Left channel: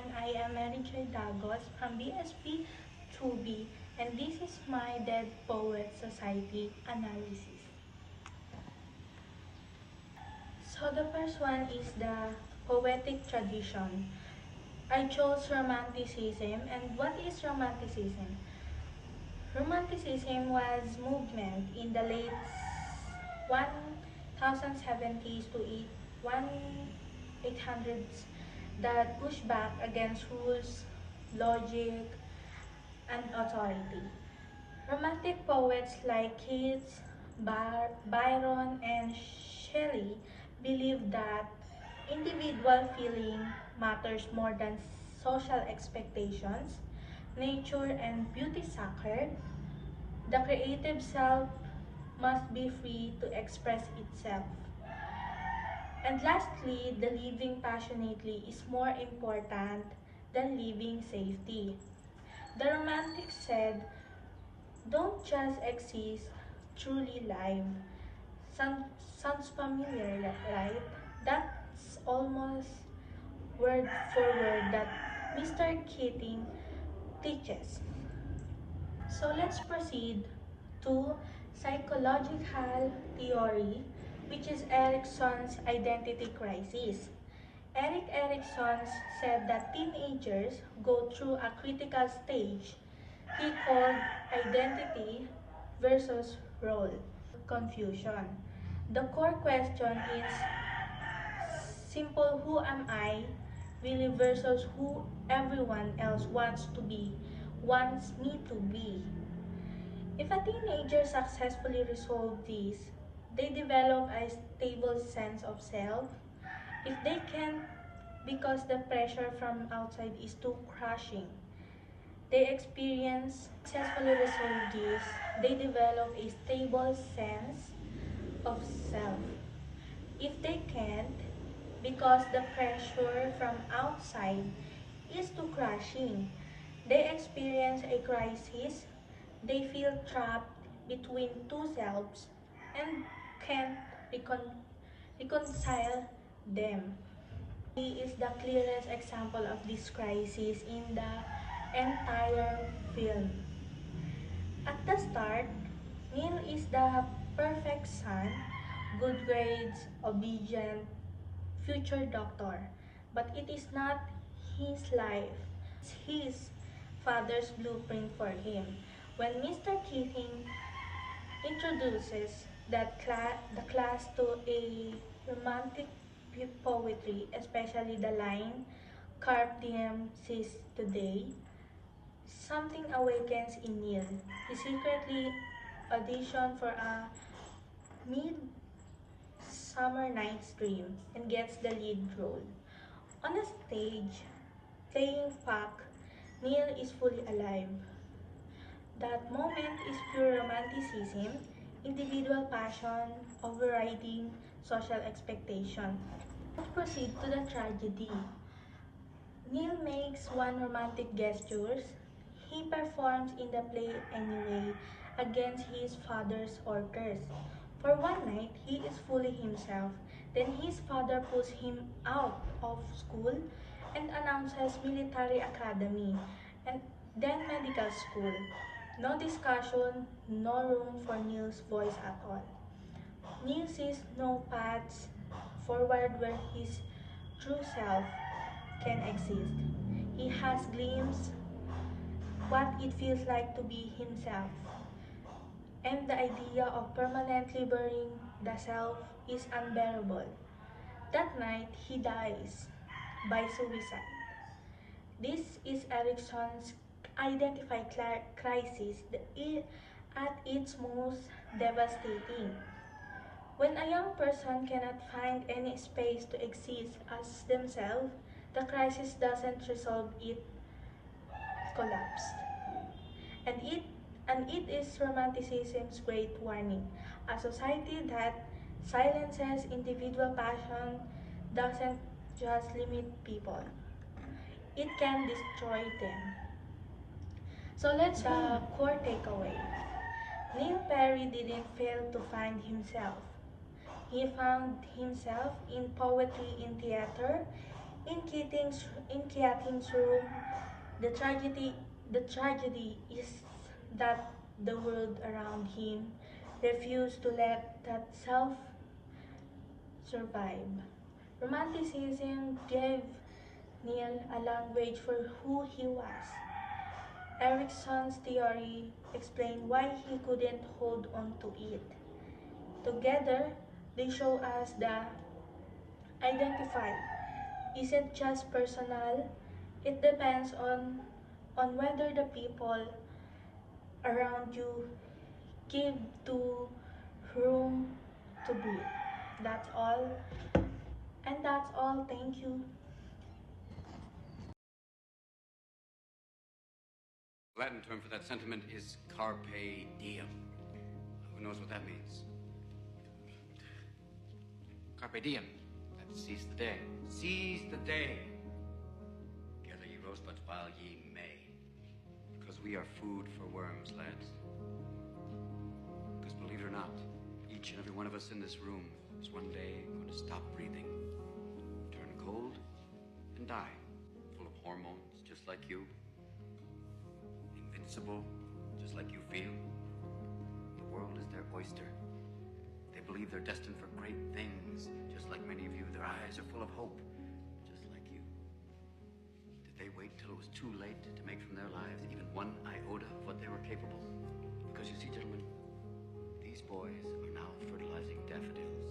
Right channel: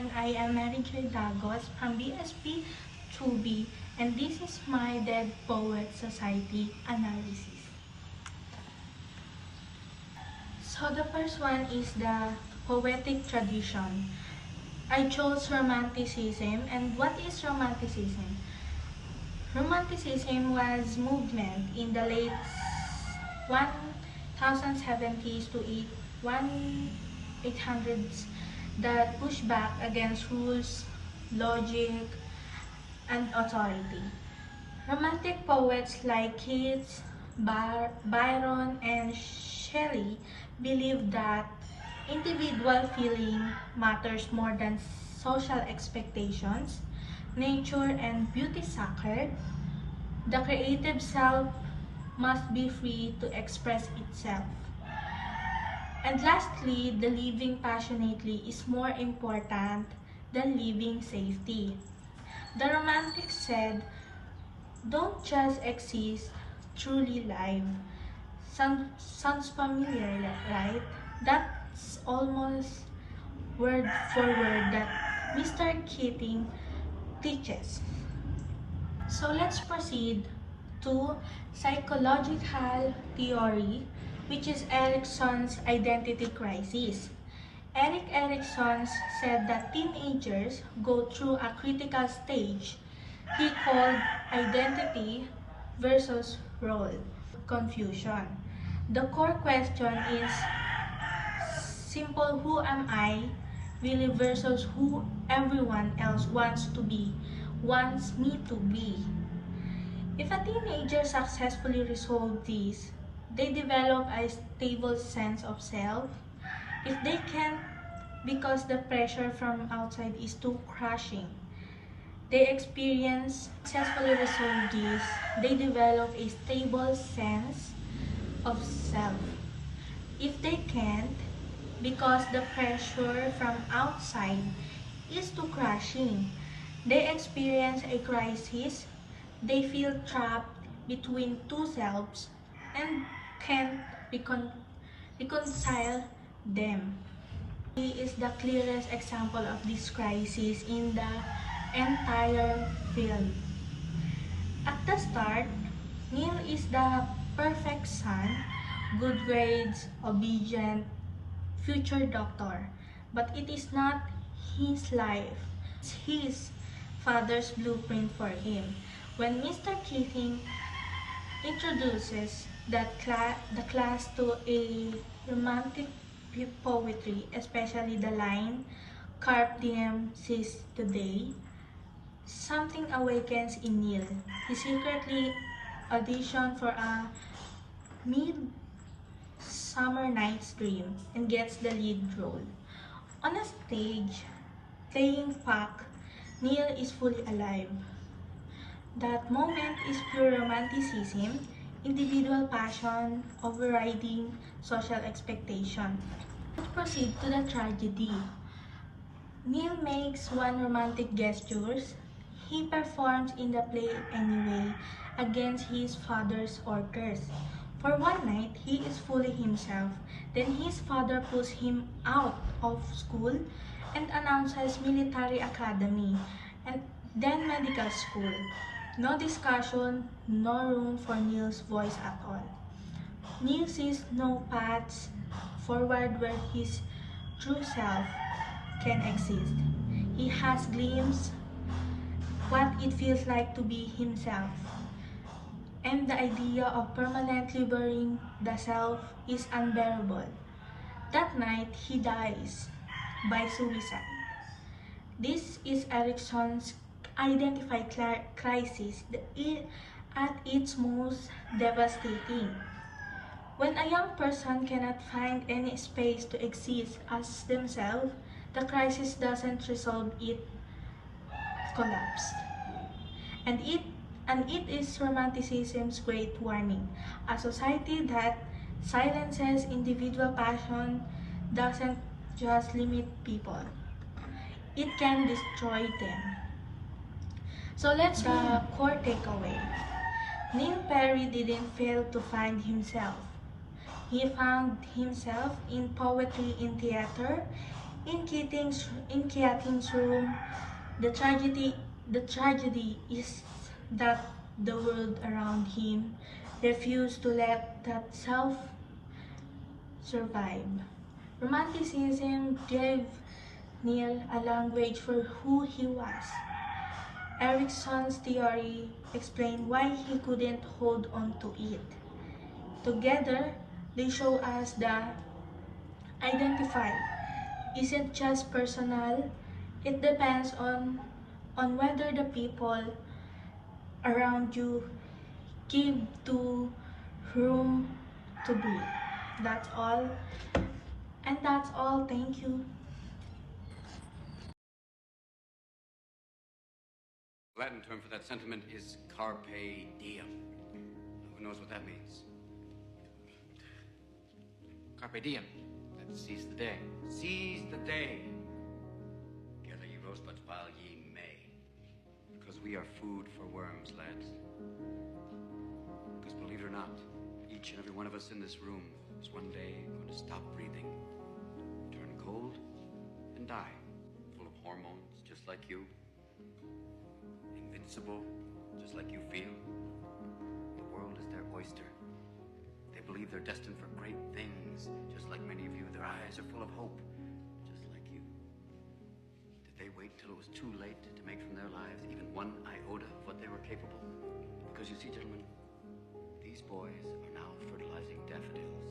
everyone, I am Mary J. Dagos from BSP 2B, and this is my Dead Poet Society analysis. So the first one is the poetic tradition. I chose Romanticism, and what is Romanticism? Romanticism was movement in the late 1070s to 1800s that pushed back against rules, logic, and authority. Romantic poets like Keats, Byron, and Shelley believed that individual feeling matters more than social expectations, nature and beauty sacred. The creative self must be free to express itself. And lastly, the living passionately is more important than living safety. The Romantics said, don't just exist, truly live. Sounds familiar, right? That's almost word for word that Mr. Keating teaches. So let's proceed to psychological theory, which is Erikson's identity crisis. Erikson said that teenagers go through a critical stage he called identity versus role confusion. The core question is simple: who am I really versus who everyone else wants me to be. If a teenager successfully resolves this, they develop a stable sense of self. If they can't because the pressure from outside is too crushing, they successfully resolve this, they develop a stable sense of self. If they can't, because the pressure from outside is too crushing, they experience a crisis, they feel trapped between two selves and can't reconcile them. He is the clearest example of this crisis in the entire film. At the start, Neil is the perfect son, good grades, obedient, future doctor. But it is not his life. It's his father's blueprint for him. When Mr. Keating introduces the class to a romantic poetry, especially the line "Carpe diem sis today," something awakens in Neil. He secretly auditions for a Midsummer Night's Dream and gets the lead role. On a stage, playing Puck, Neil is fully alive. That moment is pure romanticism, individual passion overriding social expectation. Let's proceed to the tragedy. Neil makes one romantic gesture. He performs in the play anyway, against his father's orders. For one night, he is fully himself. Then his father pulls him out of school and announces military academy and then medical school. No discussion, no room for Neil's voice at all. Neil sees no paths forward where his true self can exist. He has glimpsed what it feels like to be himself. And the idea of permanently burying the self is unbearable. That night, he dies by suicide. This is Erikson's identified crisis at its most devastating. When a young person cannot find any space to exist as themselves, the crisis doesn't resolve, it collapses. And it is romanticism's great warning. A society that silences individual passion doesn't just limit people, it can destroy them. So let's the core takeaway. Neil Perry didn't fail to find himself. He found himself in poetry, in theater, In Keating's room, the tragedy is that the world around him refused to let that self survive. Romanticism gave Neil a language for who he was. Erickson's theory explained why he couldn't hold on to it. Together, they show us that identify isn't just personal, it depends on whether the people around you give to room to breathe. That's all. And that's all. Thank you. Latin term for that sentiment is carpe diem. Who knows what that means? Carpe diem. That seize the day. Seize the day. Gather ye rosebuds while ye may. Because we are food for worms, lads. Because believe it or not, each and every one of us in this room is one day going to stop breathing, turn cold, and die. Full of hormones, just like you. Invincible, just like you feel. The world is their oyster. They believe they're destined for great things, just like many of you. Their eyes are full of hope, just like you. Did they wait till it was too late to make from their lives even one iota of what they were capable? Because you see, gentlemen, these boys are now fertilizing daffodils.